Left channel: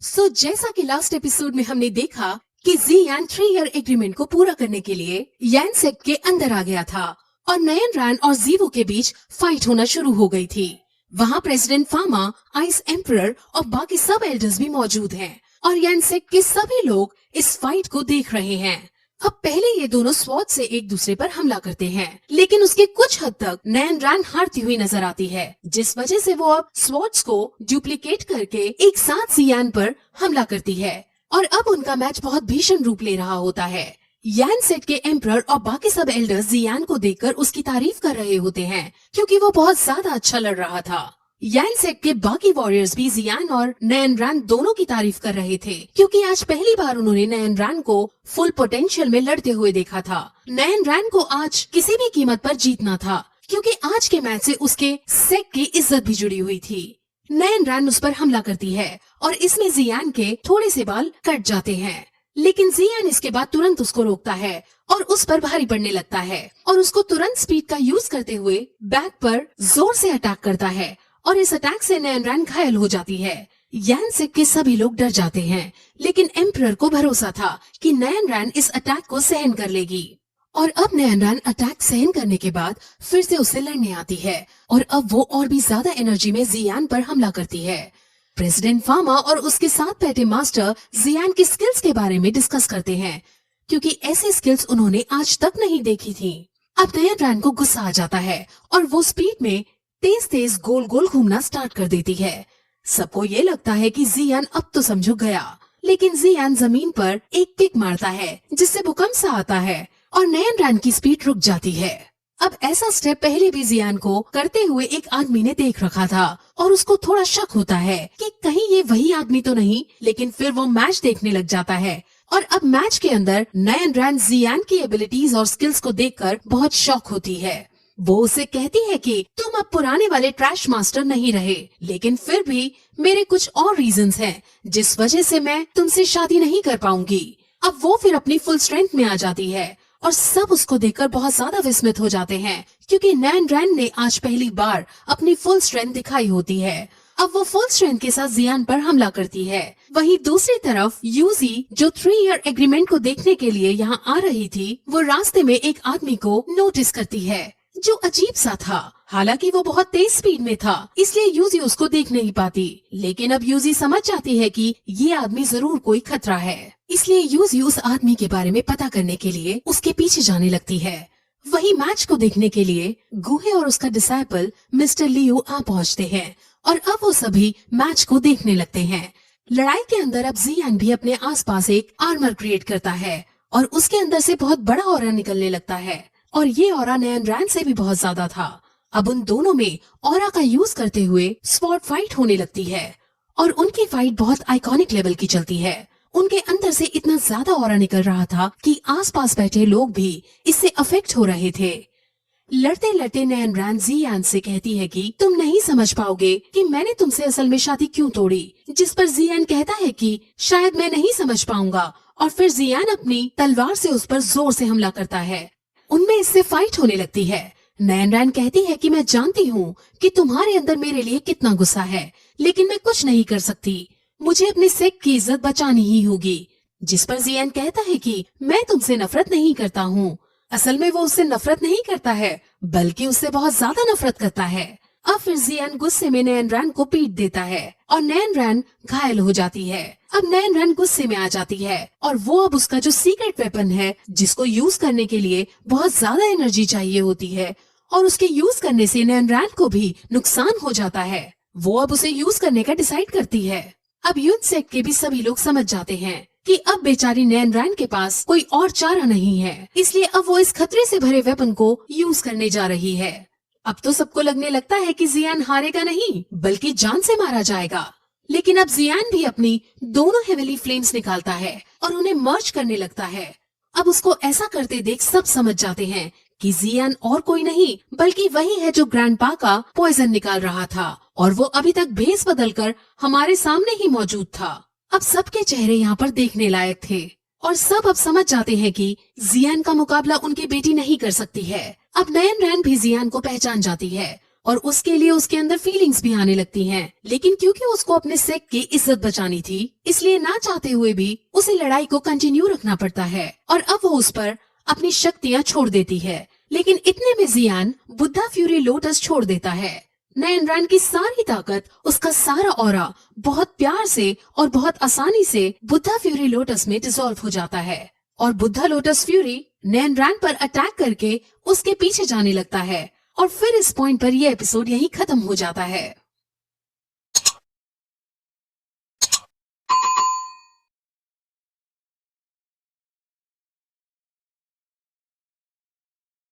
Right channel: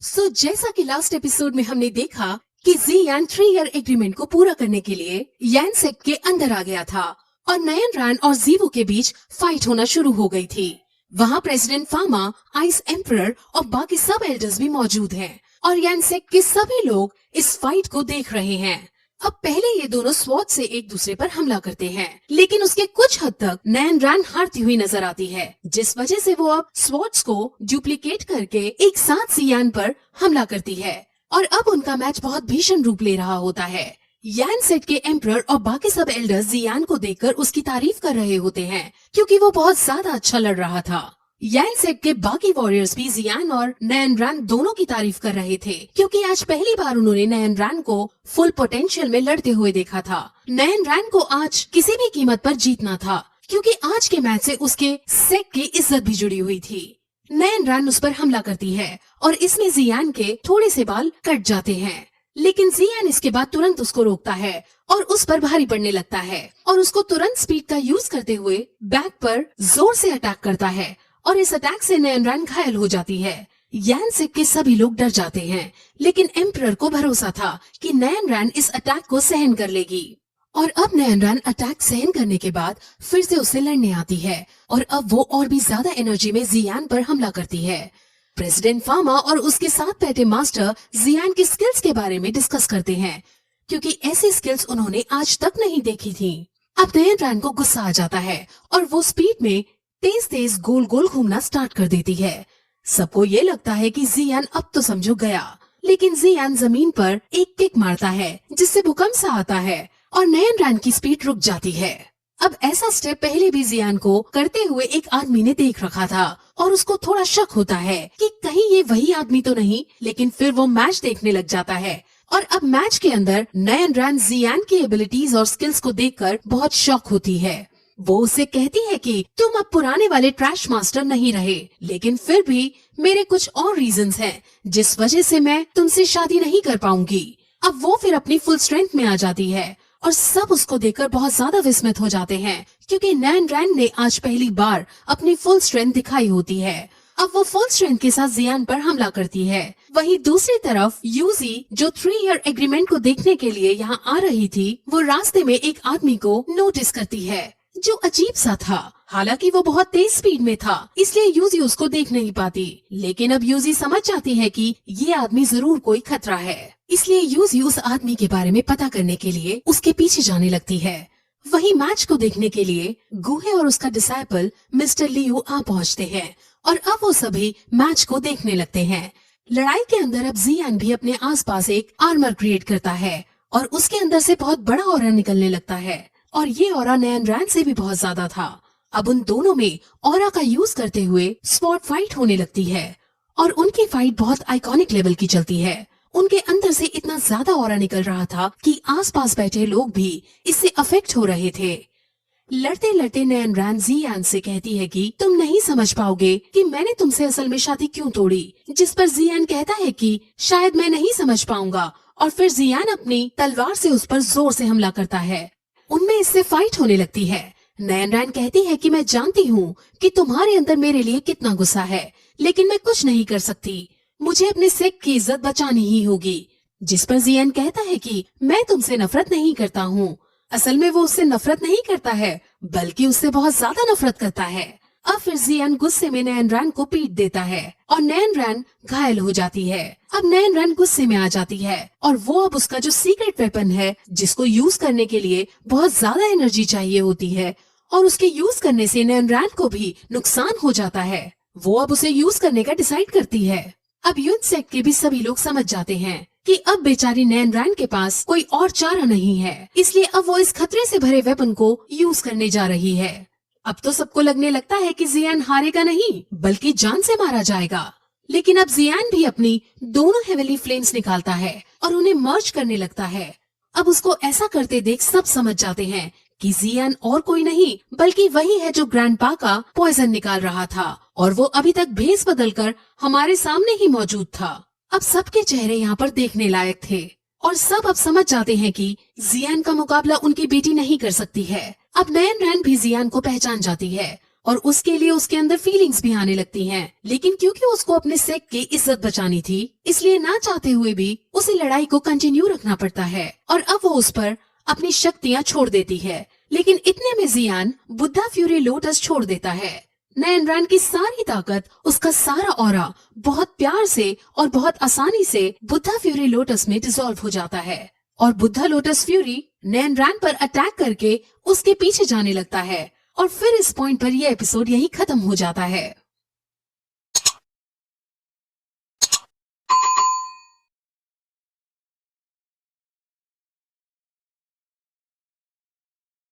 जैसा कि last episode में हमने देखा कि जियान 3 ईयर एग्रीमेंट को पूरा करने के लिए यान सेक्ट के अंदर आ गया था और नयन रैन और जीवो के बीच फाइट होना शुरू हो गई थी। वहाँ प्रेसिडेंट फामा, आइस एम्परर और बाकी सब एल्डर्स भी मौजूद हैं और यान सेक्ट के सभी लोग इस फाइट को देख रहे हैं। अब पहले ये दोनों स्वॉर्ड से एक दूसरे पर हमला करते हैं, लेकिन उसके कुछ हद तक नयन रैन हारती हुई नजर आती है, जिस वजह से वो अब स्वॉर्ड्स को डुप्लीकेट करके एक साथ जियान पर हमला करती है और अब उनका मैच बहुत भीषण रूप ले रहा होता है। यान सेट के एम्परर और बाकी सब एल्डर्स जियान को देखकर उसकी तारीफ कर रहे होते हैं, क्योंकि वो बहुत ज्यादा अच्छा लड़ रहा था। यान सेट के बाकी वॉरियर्स भी जियान और नयन रैन दोनों की तारीफ कर रहे थे, क्योंकि आज पहली बार उन्होंने नयन रैन को फुल पोटेंशियल में लड़ते हुए देखा था। नयन रैन को आज किसी भी कीमत पर जीतना था, क्योंकि आज के मैच से उसके सेट की इज्जत भी जुड़ी हुई थी। नयन रैन उस पर हमला करती है और इसमें जियान के थोड़े से बाल कट जाते हैं, लेकिन जियान इसके बाद तुरंत उसको रोकता है और उस पर भारी पड़ने लगता है और उसको तुरंत स्पीड का यूज करते हुए बैक पर जोर से अटैक करता है और इस अटैक से नयन रैन घायल हो जाती है। यान सेट के सभी लोग डर जाते हैं, लेकिन एम्परर को भरोसा था कि नयन रैन इस अटैक को सहन कर लेगी और अब नयन रैन अटैक सहन करने के बाद फिर से उससे लड़ने आती है और अब वो और भी ज्यादा एनर्जी में जियान पर हमला करती है। प्रेसिडेंट फामा और उसके साथ बैठे मास्टर जियान की स्किल्स के बारे में डिस्कस करते हैं, क्योंकि ऐसी स्किल्स उन्होंने आज तक नहीं देखी थी। अब नयन रैन को गुस्सा आ जाता है और वो स्पीड में तेज तेज गोल गोल घूमना स्टार्ट कर देती है। सबको ये लगता है कि जियान अब तो समझो गया, लेकिन जियान जमीन पर एक किक मारता है जिससे भूकंप सा आता है और नयन रैन की स्पीड रुक जाती है। अब ऐसा स्टेप पहले भी जियान को करते हुए एक आदमी ने देख रखा था और उसको थोड़ा शक होता है कि कहीं ये वही आदमी तो नहीं, लेकिन फिर वो मैच देखने लग जाता है और अब मैच के अंदर नयन रैन जियान की एबिलिटीज और स्किल्स को देखकर बहुत शॉक होती है। वो उसे कहती है कि तुम अब पुराने वाले ट्रैश मास्टर नहीं रहे, लेकिन फिर भी मेरे कुछ और रीजंस हैं जिस वजह से मैं तुमसे शादी नहीं कर पाऊंगी। अब वो फिर अपनी फुल स्ट्रेंथ में आ जाती है और सब उसको देखकर बहुत ज्यादा विस्मित हो जाते हैं, क्योंकि नयन रैन ने आज पहली बार अपनी फुल स्ट्रेंथ दिखाई होती है। अब वो फुल स्ट्रेंथ के साथ जियान पर हमला करती है। वहीं दूसरी तरफ यूजी, जो 3 ईयर एग्रीमेंट को देखने के लिए यहाँ आ रही थी, वो रास्ते में एक आदमी को नोटिस करती है जो अजीब सा था। हालांकि वो बहुत तेज स्पीड में था, इसलिए यूजी उसको देख नहीं पाती, लेकिन अब यूजी समझ जाती है कि ये आदमी जरूर कोई खतरा है, इसलिए यूजी उस आदमी के बारे में पता करने के लिए उसके पीछे जाने लगती है। वही मैच को देखने के लिए गुहे और उसका डिसाइपल मिस्टर लियो आ पहुँचते हैं और अब वो सभी मैच को देखने लगते हैं। लड़ाई के अंदर अब जियान भी अपने आसपास एक आर्मर क्रिएट करता है और उसके अंदर से बहुत बड़ा ऑरा निकलने लगता है और ये ऑरा नयन रैन से भी बहुत ज्यादा था। अब उन दोनों में ऑरा का यूज करते हुए स्वॉर्ड फाइट होने लगती है और उनकी फाइट बहुत आइकॉनिक लेवल की चलती है। उनके अंदर से इतना ज्यादा ऑरा निकल रहा था कि आसपास बैठे लोग भी इससे अफेक्ट हो रहे थे। लड़ते लड़ते नयन रैन जियान से कहती है कि तुम नहीं समझ पाओगे कि मैंने तुमसे असल में शादी क्यों तोड़ी, जिस पर जियान कहता है कि शायद मैं नहीं समझ पाऊंगा और फिर जियान अपनी तलवार से उस पर जोर से हमला करता है। उनमें इससे फाइट होने लगती है। नयन रैन कहती है कि मैं जानती हूँ कि तुम्हारे अंदर मेरे लिए कितना गुस्सा है, लेकिन मैं कुछ नहीं कर सकती, मुझे अपने सेक की इज्जत बचानी ही होगी। जिस पर जियान कहता है कि मैं तुमसे नफरत नहीं करता हूँ। असल में वो उससे नफरत नहीं करता है, बल्कि उससे बहुत ज्यादा नफरत करता है। अब फिर जियान गुस्से में नयन रैन को पीट देता है और नयन रैन घायल हो जाती है। अब नयन रैन गुस्से में आ जाती है और वो अब उसका जो सीक्रेट वेपन है, जिसको यूज करने के लिए बहुत ज्यादा एनर्जी चाहिए होती है और उसके यूज करने से नयन रैन को भी नुकसान हो जाता है, वो अब उसे यूज करने का डिसाइड करती है। अब युद्ध सेक्ट के भी सभी लोग समझ जाते हैं कि अब बेचारी नयन रैन के पास कोई और चारा नहीं है, इसलिए अब वो इस खतरे से भरे वेपन को यूज करने जा रही है। अब तो सबको लगने लगता है कि जियान हारेगा नहीं, बल्कि जान से मारा जाएगा, लेकिन अब जियान भी अपनी दोनों हेवनली फ्लेम्स निकालता है और उन्हें मर्ज करने लगता है। अब उसको ऐसा करते देख सब समझ जाते हैं कि जियान और कोई नहीं बल्कि वही है जो ग्रैंडपा का पॉइजन निकाल रहा था और वो अभी तक भेस बदलकर हमारे सामने ही मौजूद था। अब सबके चेहरे यहाँ पर देखने लायक थे और सब अब समझ जाते हैं कि जियान का मुकाबला उनकी बेटी नहीं कर सकती है। अब नयन रैन भी जियान को पहचान जाती है और उसके लिए उसके अंदर फीलिंग्स भी आने लगती हैं। लेकिन क्योंकि उसको अपने सेक की इज्जत बचानी थी, इसलिए ना चाहते हुए भी उसे लड़ाई को कंटिन्यू रखना पड़ता है और अब वो उस पर अपनी शक्तियाँ छोड़ देती है। लेकिन इतने में जियान बुद्धा फ्यूरी लोटस छोड़ देता है। नयन रैन की सारी ताकत, उसका सारा ऑरा बहुत प्यार से और बहुत आसानी से बुद्धा फ्यूरी लोटस में डिसॉल्व हो जाता है और बुद्धा लोटस फ्यूरी नयन रैन पर अटैक करके उसके पीछे जाने लगता है और फिर इस पॉइंट पर यह एपिसोड यहीं खत्म हो जाता है।